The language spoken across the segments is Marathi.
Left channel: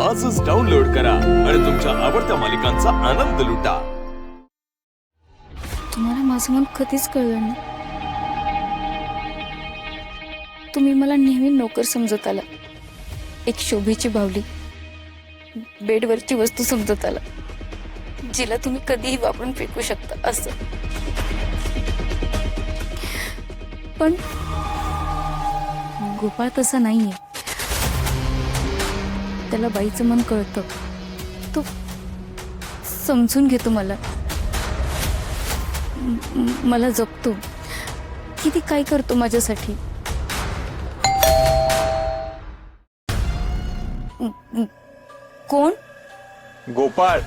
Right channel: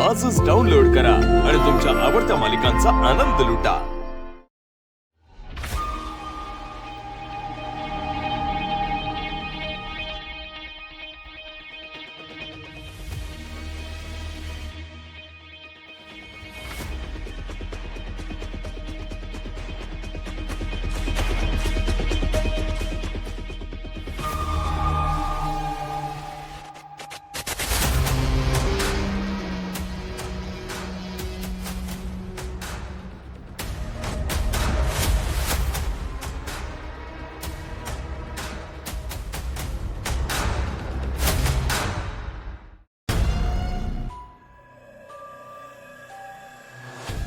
आजच डाउनलोड करा आणि तुमच्या आवडत्या मालिकांचा आनंद लुटा। तुम्हाला माझं मन कधीच कळलं नाही। तुम्ही मला नेहमी नोकर समजत आला, एक शोभेची बावली, बेडवरची वस्तू समजत आला, जिला तुम्ही कधीही वापरून फेकू शकता असं। पण गोपाळ तसा नाहीये, त्याला बाईचं मन कळतं, तो समजून घेतो मला, मला जपतो, किती काय करतो माझ्यासाठी। कोण? गोपाळ।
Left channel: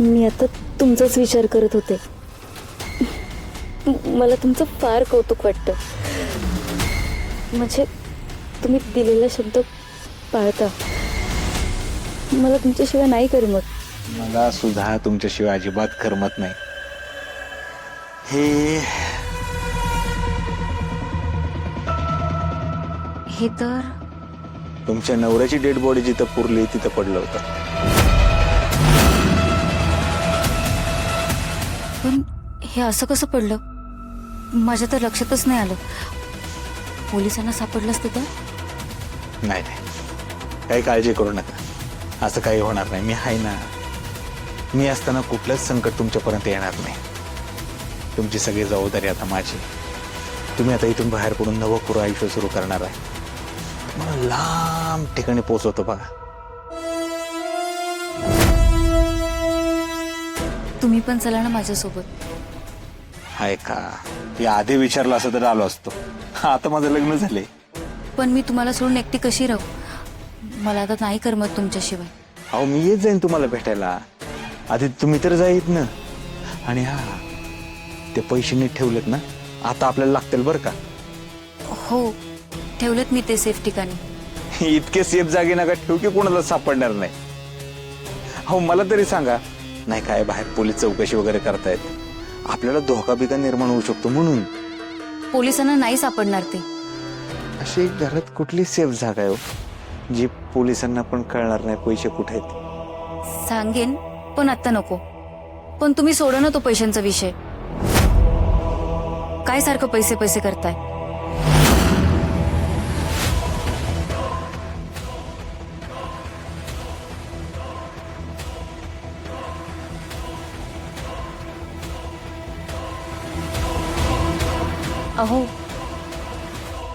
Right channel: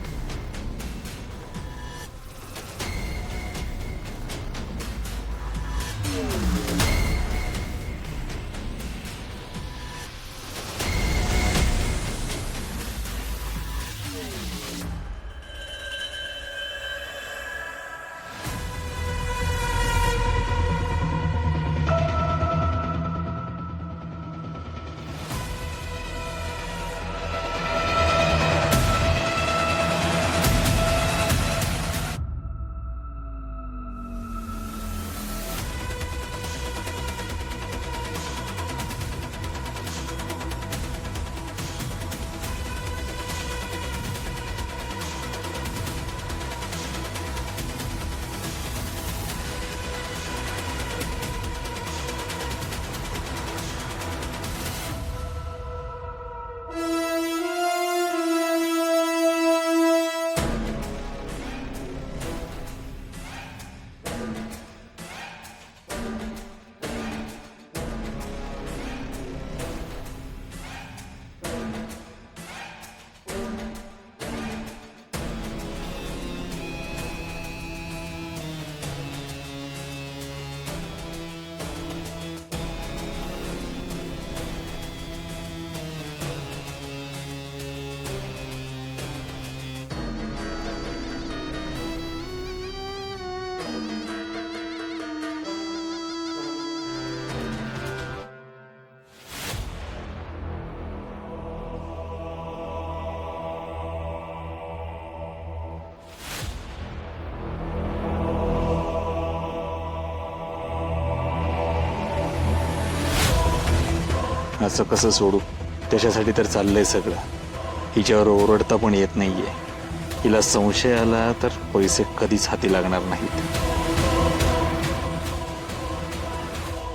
मी आता तुमचाच विचार करत होते। मला तुमचं फार कौतुक वाटतं, म्हणजे तुम्ही दिलेला शब्द पाळता। मला तुमच्याशिवाय नाही करमत। मला सुद्धा तुमच्याशिवाय अजिबात करमत नाही। हे तर तुमच्या नवऱ्याची डेड बॉडी जिथं पुरली तिथं पडलं होतं। पण हे असं कसं पडलं? माझ्या तर लक्षातच नाही आलं। पोलिसांना सापडलं असतं तर? नाही नाही, काही काळजी करू नका, असं काही होणार नाही। मी आहे ना, मी असताना कुठलंच संकट तुमच्यापर्यंत येणार नाही। तुमची सगळी जबाबदारी आता माझी। तुम्ही आता इथून बाहेर पडून नवं पुरं आयुष्य सुरू करणार आहे। मला लांब ठिकाणी पोहोचवतो बघा। तुम्ही पण चला ना माझ्यासोबत। हाय का, ती आधी विचारलं असं तर आलो असतो। आता माझं लग्न झाले। पण मी तुम्हाला सोडून एकटी कशी राहू? मला आता नाही करमत तुमच्याशिवाय। अहो मी येत जाईन तुम्हाला भेटायला, आधी तुम्ही तर जाईत ना। आणि हा, ते पैसे नीट ठेवलेत ना, आता आपल्याला लागतील बरं का? हो, ठेवलेत मी ते सेफ ठिकाणी। इतके सेफ जागी नका ठेवू की कोणाला सापडणार नाही। हो मला तरी सांगा, नाही काय बाहेर पोलीस चौकशी वगैरे करतायत, आपल्याला धोका बिका निर्माण होऊ शकतो म्हणून। पोलिसांना नाही सापडणार ते। अशी घरात कुठली सेफ जागा आहे हो, जी पोलिसांना पण कळणार नाही पैसे कुठे आहेत? सांगेन, पण आता नको। पण तुम्ही सोडा ना तो पैशांचा विषय। काय सारखं पैसे पैसे करताय? असं कसं सोडू? त्याच्यासाठी तर चाललंय सगळं। हिच्यावर ओरडता पण येत नाहीये। हिला संशय आला तर पैसे कधीच हाती लागणार नाहीत। अहो,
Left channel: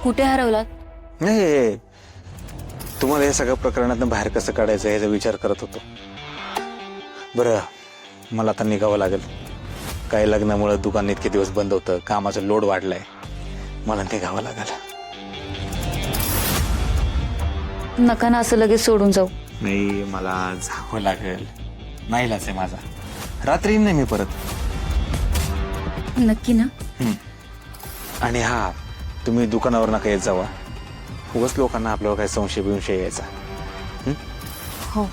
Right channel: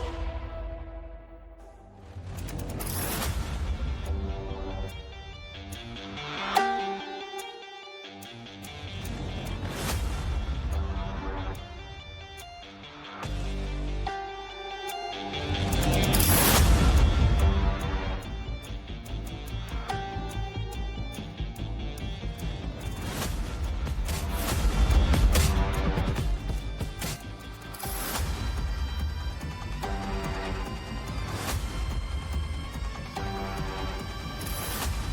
कुठे हरवलात? नाही, तुम्हाला हे सगळ्या प्रकरणातून बाहेर कसं काढायचं याचा विचार करत होतो। बरं, मला आता निघावं लागेल। काही लग्नामुळे दुकान इतके दिवस बंद होतं, कामाचा लोड वाढलाय, मला निघावं लागेल। नका ना असं लगेच सोडून जाऊ। नाही, मला जावं लागेल, नाईलाज आहे माझा। रात्री नाही मी परत। नक्की ना? आणि हा, तुम्ही दुकानावर नका येत जावा, उगाच लोकांना आपल्यावर काय संशय बिंशय यायचा। हो,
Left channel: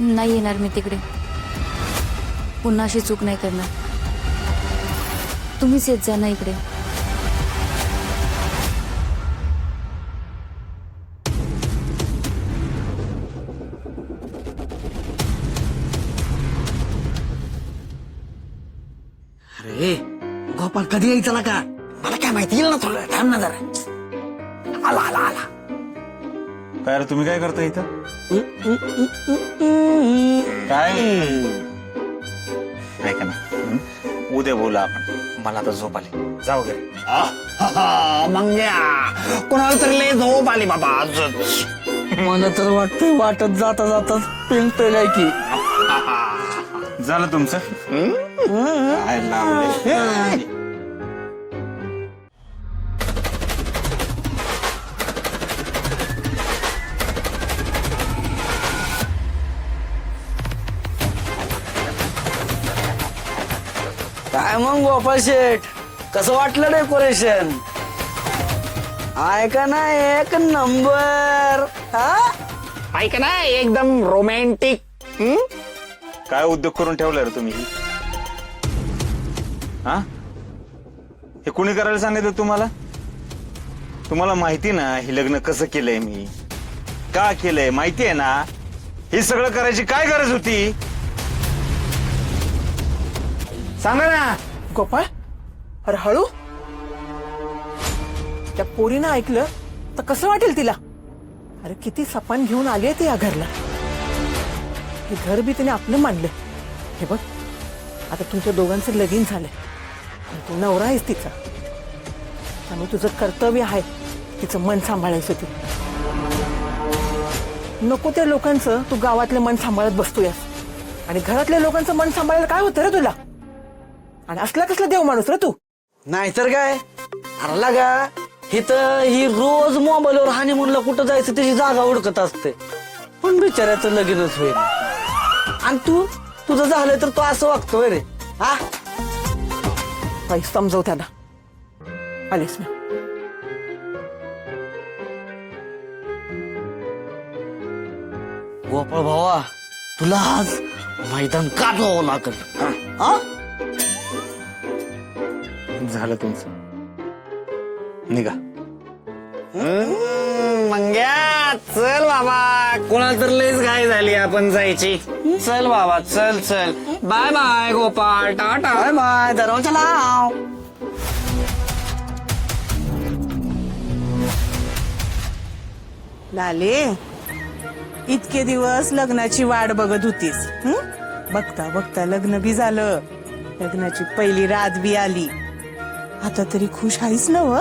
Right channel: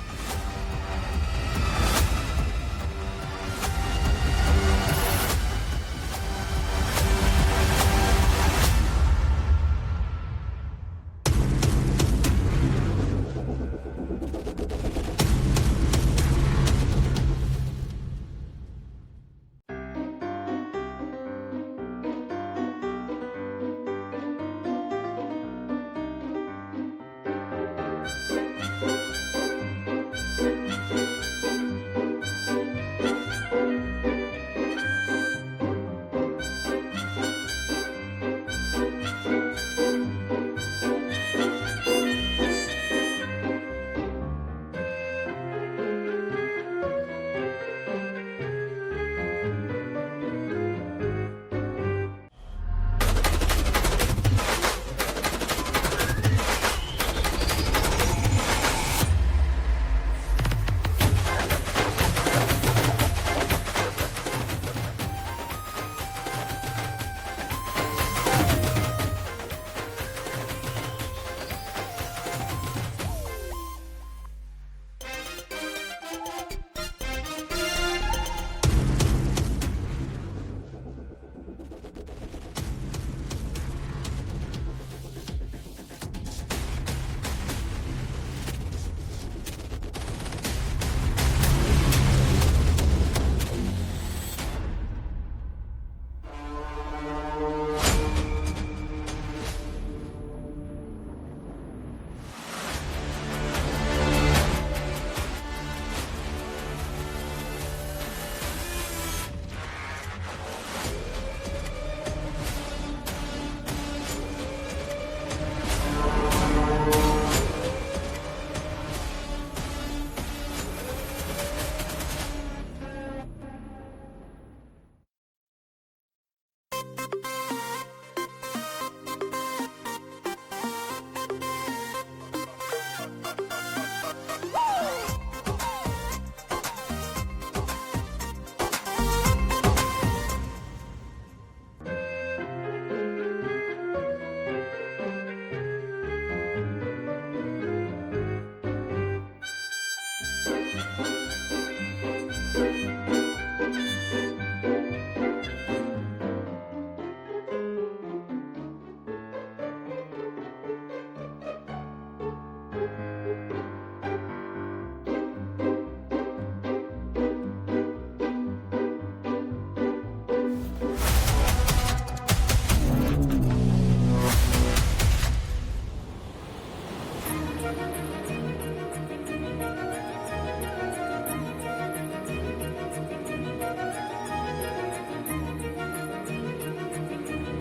नाही येणार मी तिकडे, पुन्हा अशी चूक नाही करणार। तुम्हीच येत जा ना इकडे। अरे गोपाल कधी यायचा ना का? मला काय माहिती, येईल ना थोडं, थांब ना जरा। आला आला आला। काय रे, तुम्ही काय करता इथं? काय ऐका ना, उद्या बोला आपण। मला आता झोप आली, जाऊ घरी। मंग्या, कोणाला तरी लय झोप आली बाबा आजच। मला तर वाटतंय वाटत जाता जाता पेन पेलाय की। झालं तुमचं? काय लावलंय? काय मग गोपाल शेठ, कसं वाटलं डेकोरेशन? ऐका ना, एक नंबर। ऐका ना, एकदम रोमॅन्टिक। काय उद्योग करून ठेवलाय रे तुम्ही? हा, हे कुणी करायला सांगितलं तुम्हाला? तुम्हाला माहिती ना हे लग्न कसं केलंय मी, का केलंय माहिती आहे ना? हे सगळं करायची काय गरज होती? सांगा ना. गोपाळ, अरे हळू. त्या पोरीनं ऐकलं तर कसं वाटेल तिला? अरे किती सपान घेऊन आली ती या घरला. हे घर बी तिने आपलं मानलं. हे बघ, आता तुमच्या दोघांचं लगीन झालंय. तू नवरा आहेस तिचा, त्यामुळे तुझं कर्तव्य आहे तिचं मन सांभाळायचं. तू नको त्या लोकांचं तू गावातलं मन सांभाळत बसतोय, आणि घरातल्या लोकांचं मन सांभाळायला काय होतं रे तुला? आणि असला कसला देव माणूस रे तू? नाहीतर काय हरला का ही रोज मोबाईलवर हनीमूनला कुठं जायचं त्याची जागा ओळखत असते, पण बिचाऱ्याचं लगीनच होईल. आणि तुझं झालं तर तू असं वागतोय रे? हा, काही समजव त्याला. आलीस ना? गोपाळ भावा, तुला आज मैदान का जावं लागत? हा, झालं तुमचं, निघा. मंग्या चल बाबा, कोणाला तर लयच घाई झाली, आपण जायची. चल बाबा, चल चल. बाय बाय गोपाळ, टाटा. बाय बाय, दरवाजा लाव. लाले, इतके दिवस लग्नाची वाट बघत होतीस. बघता बघता लग्न बी झालं, लग्नाची पहिली रात बी आली. आता तरी खुश आहेस ना? व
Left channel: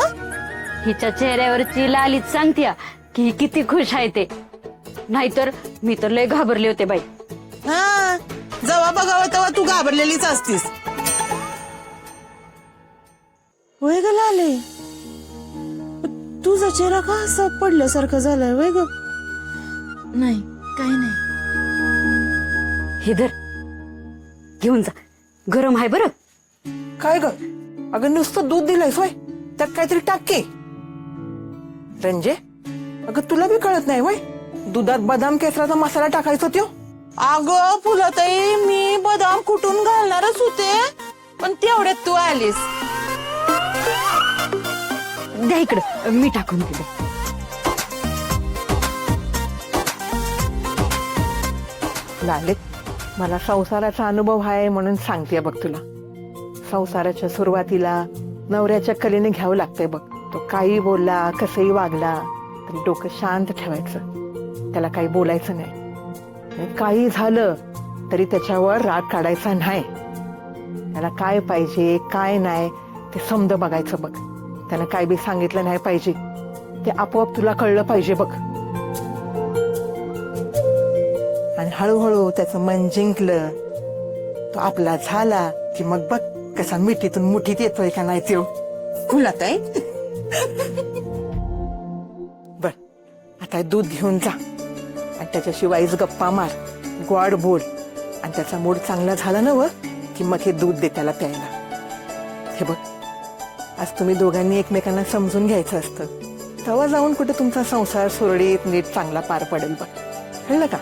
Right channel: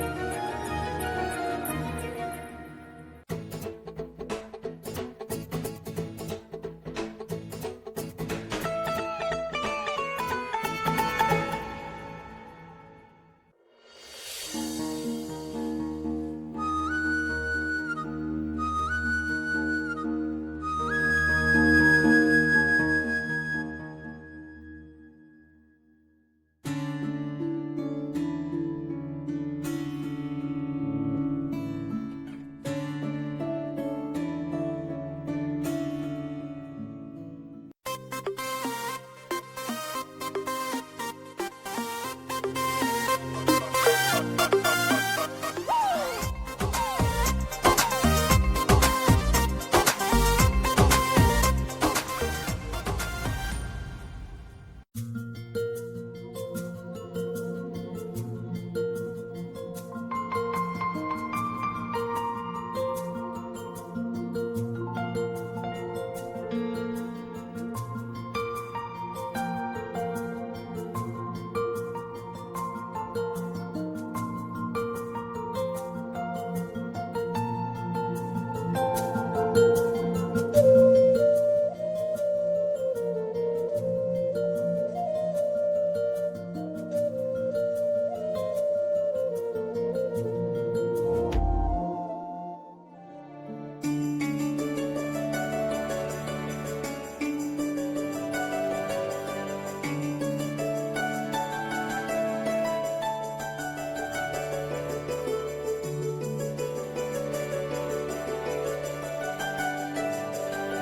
हिच्या चेहऱ्यावरची लालीच सांगते की ही किती खुश आहे ते. नाहीतर मी तर लय घाबरले होते बाई. हा, जेव्हा बघावं तेव्हा तू घाबरलेलीच असतीस. वय ग लाले, तुझा चेहरा का असा पडल्यासारखं झालाय? वय ग. नाही, काही नाही. हे धर, घेऊन जा, गरम आहे बरं. काय ग? अगं नुसतं दूध दिलंयस वय, त्यात काहीतरी टाक की. रंजे, अगं तुला बी कळत नाही वय, दुधात बदाम केसराचा मसाला टाकायचा त्यो. अगं फुलताई, मी बदाम कुठून घालणारच होते, पण तेवढ्यात तू आलीस. द्या इकडं, मी टाकून देते. लालित, मला संसाराचा अनुभव आहे म्हणून सांगते बघ तुला. संसाराच्या सुरुवातीला नवऱ्याच्या कलेने घ्यावं लागतंय बघ. तो काही बोलला, कसंही वागला तरी डोकं शांत ठेवायचं, त्याला काही बोलायचं नाही. आणि काही झालं तरी त्याच्यावर राग काढायचा नाही. त्याला काय पाहिजे काय नाही ते समज बघायचं बघ. त्यानं काय बी सांगितलं नाही पाहिजे, ते आपोआप तुला कळलं पाहिजे बघ. आणि हळूहळू त्याचं मन जिंकलं, तो आपला झाला की मग बघ कसा मिठीतून मुठीत येतोय का नाही त्यो. फुलताई, बर, आता दूध घेऊन जा आणि त्याच्याशी वाईज गप्पा मार, गोड बोल. आणि त्याचा मूड चांगला झाला ना व की मग हे दूध दे त्याला प्यायला. हे बघ, आज तुम्ही दोघांनी एकमेकांना समजून घ्यायचं असतं, तेव्हा जाऊन कुठे तुमचा संसार सुरळीत नीट चांगला पार पडेल बघ. कळलं का?